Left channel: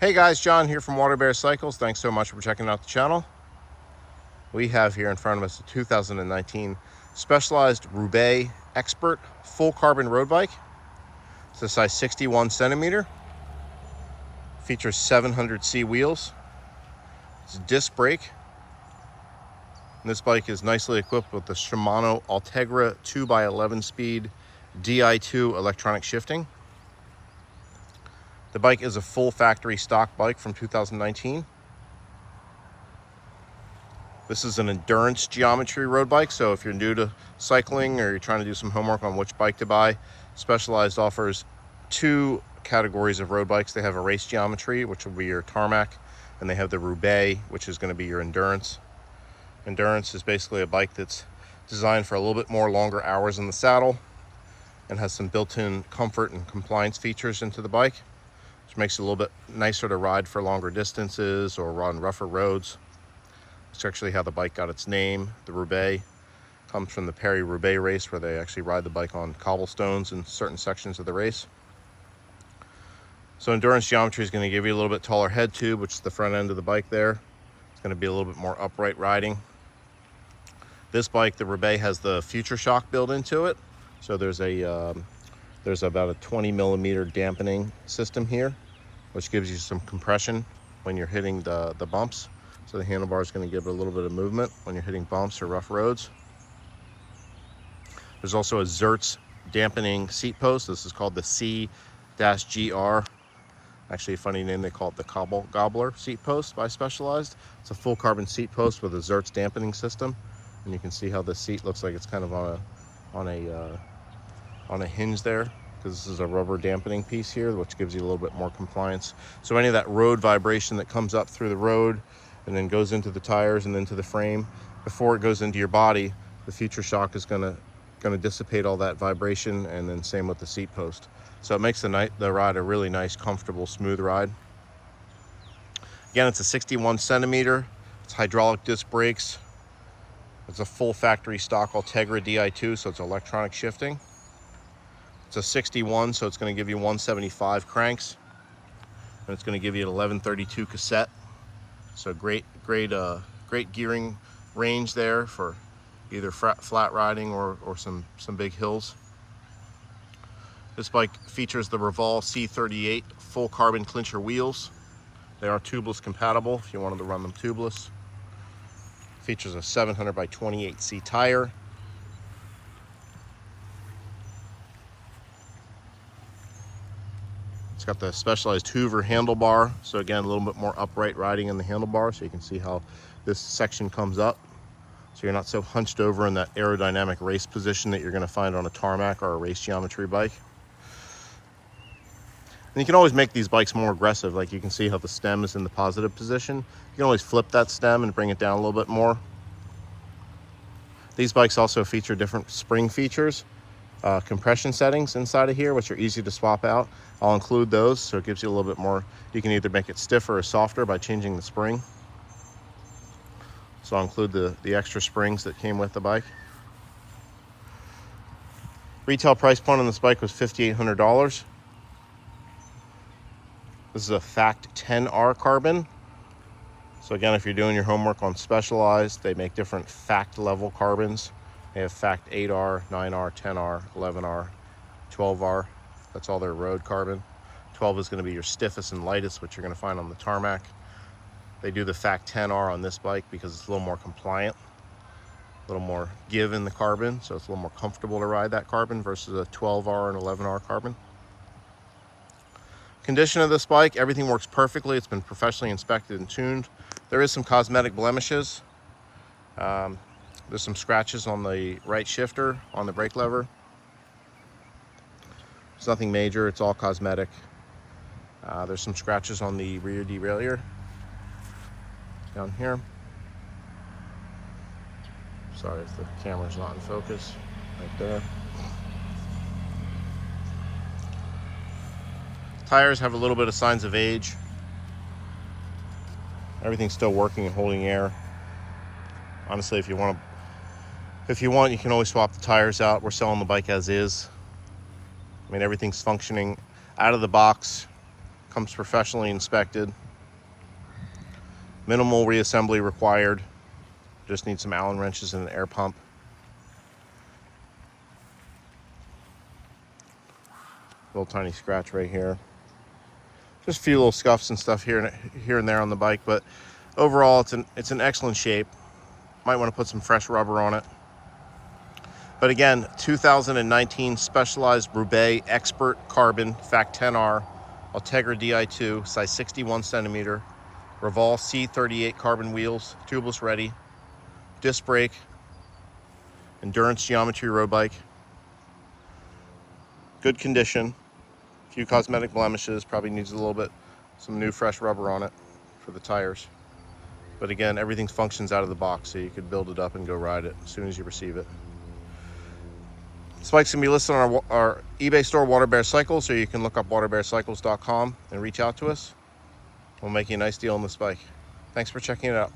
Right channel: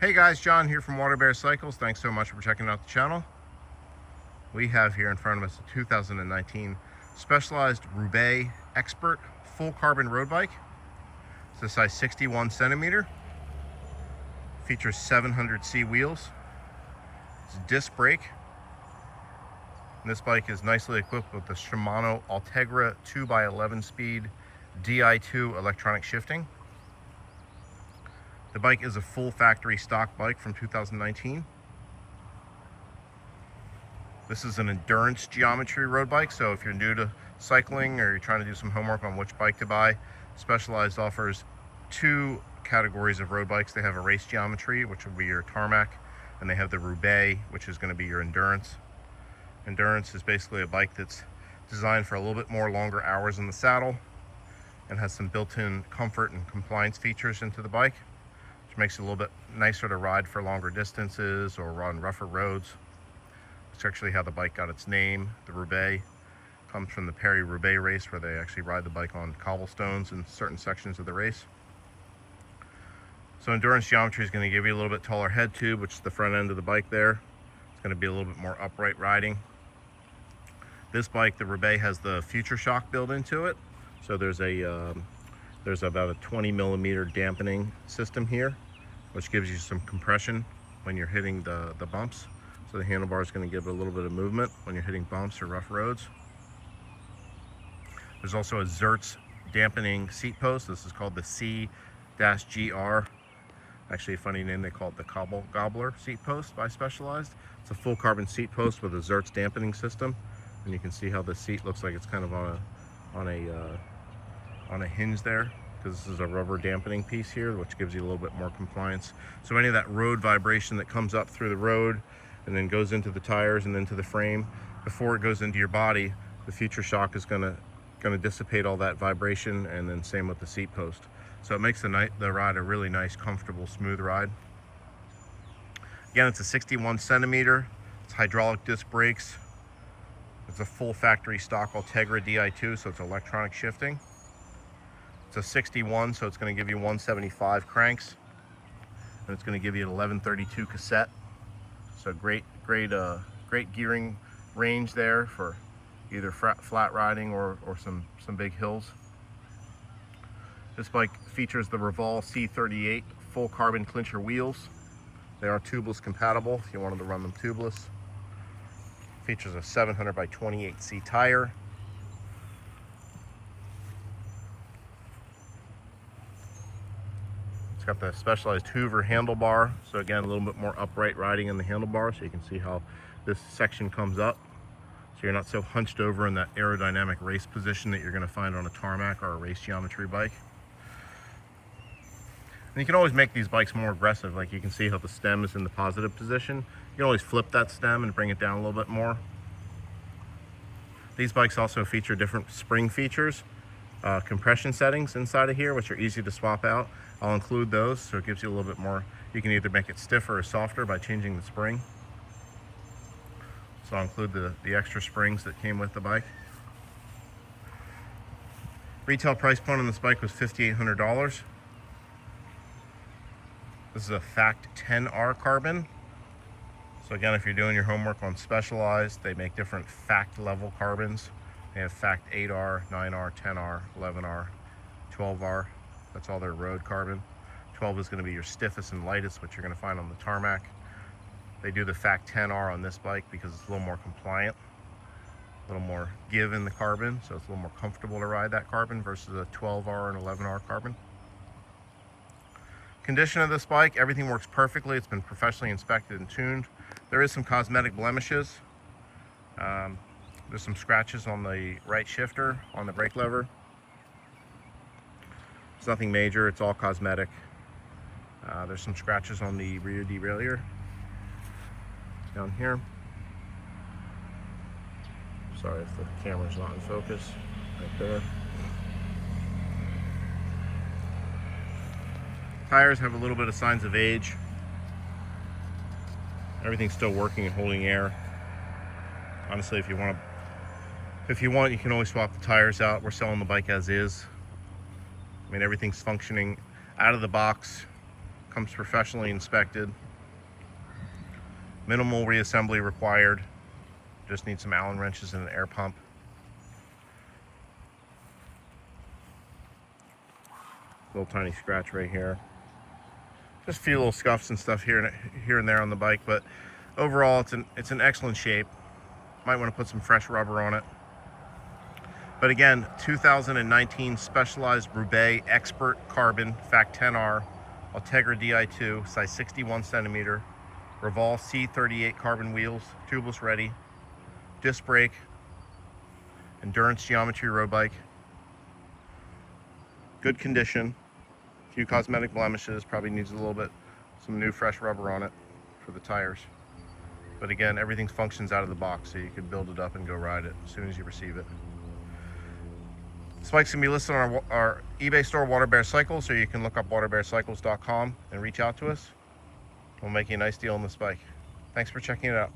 Hey guys, John here from WaterBear Cycles. Thanks so much for checking out the channel. We have here in front of us a 2019 Specialized Roubaix Expert full carbon road bike. It's a size 61 centimeter. Features 700C wheels. It's a disc brake. And this bike is nicely equipped with the Shimano Ultegra 2x11 speed Di2 electronic shifting. The bike is a full factory stock bike from 2019. This is an endurance geometry road bike, so if you're new to cycling or you're trying to do some homework on which bike to buy, Specialized offers two categories of road bikes. They have a race geometry, which will be your tarmac, and they have the Roubaix, which is going to be your endurance. Endurance is basically a bike that's designed for a little bit more longer hours in the saddle and has some built-in comfort and compliance features into the bike, which makes it a little bit nicer to ride for longer distances or on rougher roads. It's actually how the bike got its name. The Roubaix comes from the Paris-Roubaix race, where they actually ride the bike on cobblestones in certain sections of the race. So endurance geometry is going to give you a little bit taller head tube, which is the front end of the bike there. It's going to be a little bit more upright riding. This bike, the Roubaix, has the Future Shock built into it. So there's about a 20 millimeter dampening system here, which gives you some compression when you're hitting the bumps. So the handlebar is going to give it a little bit of movement when you're hitting bumps or rough roads. There's also a Zertz dampening seat post. This is called the C-GR. Actually, a funny name, they call it the Cobble Gobbler seat post by Specialized. It's a full carbon seat post with a Zertz dampening system. And you can see how the seat looks like it's kind of on a hinge there, because this is a rubber dampening piece here, which gives you a little bit more compliance. So any of that road vibration that comes up through the road and then goes into the tires and into the frame, before it goes into your body, the Future Shock is going to dissipate all that vibration, and then same with the seat post. So it makes the ride a really nice, comfortable, smooth ride. Again, it's a 61 centimeter. It's hydraulic disc brakes. It's a full factory stock Ultegra Di2, so it's electronic shifting. It's a 61, so it's going to give you 175 cranks, and it's going to give you an 1132 cassette. So great gearing range there for either flat riding or some big hills. This bike features the Revol C38 full carbon clincher wheels. They are tubeless compatible if you wanted to run them tubeless. Features a 700 by 28C tire. It's got the Specialized Hoover handlebar, so again, a little bit more upright riding in the handlebar, so you can see how this section comes up, so you're not so hunched over in that aerodynamic race position that you're going to find on a tarmac or a race geometry bike. And you can always make these bikes more aggressive. Like you can see how the stem is in the positive position. You can always flip that stem and bring it down a little bit more. These bikes also feature different spring features, compression settings inside of here, which are easy to swap out. I'll include those, so it gives you a little bit more. You can either make it stiffer or softer by changing the spring. So I'll include the extra springs that came with the bike. Retail price point on this bike was $5,800. This is a Fact 10R carbon. So again, if you're doing your homework on Specialized, they make different Fact level carbons. They have Fact 8R, 9R, 10R, 11R, 12R. That's all their road carbon. 12 is going to be your stiffest and lightest, which you're going to find on the tarmac. They do the Fact 10R on this bike because it's a little more compliant, a little more give in the carbon, so it's a little more comfortable to ride that carbon versus a 12R and 11R carbon. Condition of this bike, everything works perfectly. It's been professionally inspected and tuned. There is some cosmetic blemishes. There's some scratches on the right shifter on the brake lever. It's nothing major, it's all cosmetic. There's some scratches on the rear derailleur down here. Sorry if the camera's not in focus, right there. Tires have a little bit of signs of age. Everything's still working and holding air. Honestly, if you want, you can always swap the tires out. We're selling the bike as is. I mean, everything's functioning out of the box. Comes professionally inspected. Minimal reassembly required. Just need some Allen wrenches and an air pump. Little tiny scratch right here. Just a few little scuffs and stuff here and there on the bike, but overall it's an excellent shape. Might want to put some fresh rubber on it. But again, 2019 Specialized Roubaix Expert Carbon Fact 10R Ultegra Di2, size 61 centimeter, Revol C38 carbon wheels, tubeless ready, disc brake, endurance geometry road bike. Good condition. A few cosmetic blemishes, probably needs a little bit, some new fresh rubber on it for the tires. But again, everything functions out of the box, so you can build it up and go ride it as soon as you receive it. This bike's gonna be listed on our eBay store, WaterBear Cycles, or you can look up waterbearcycles.com and reach out to us. We'll make you a nice deal on this bike. Thanks for checking it out.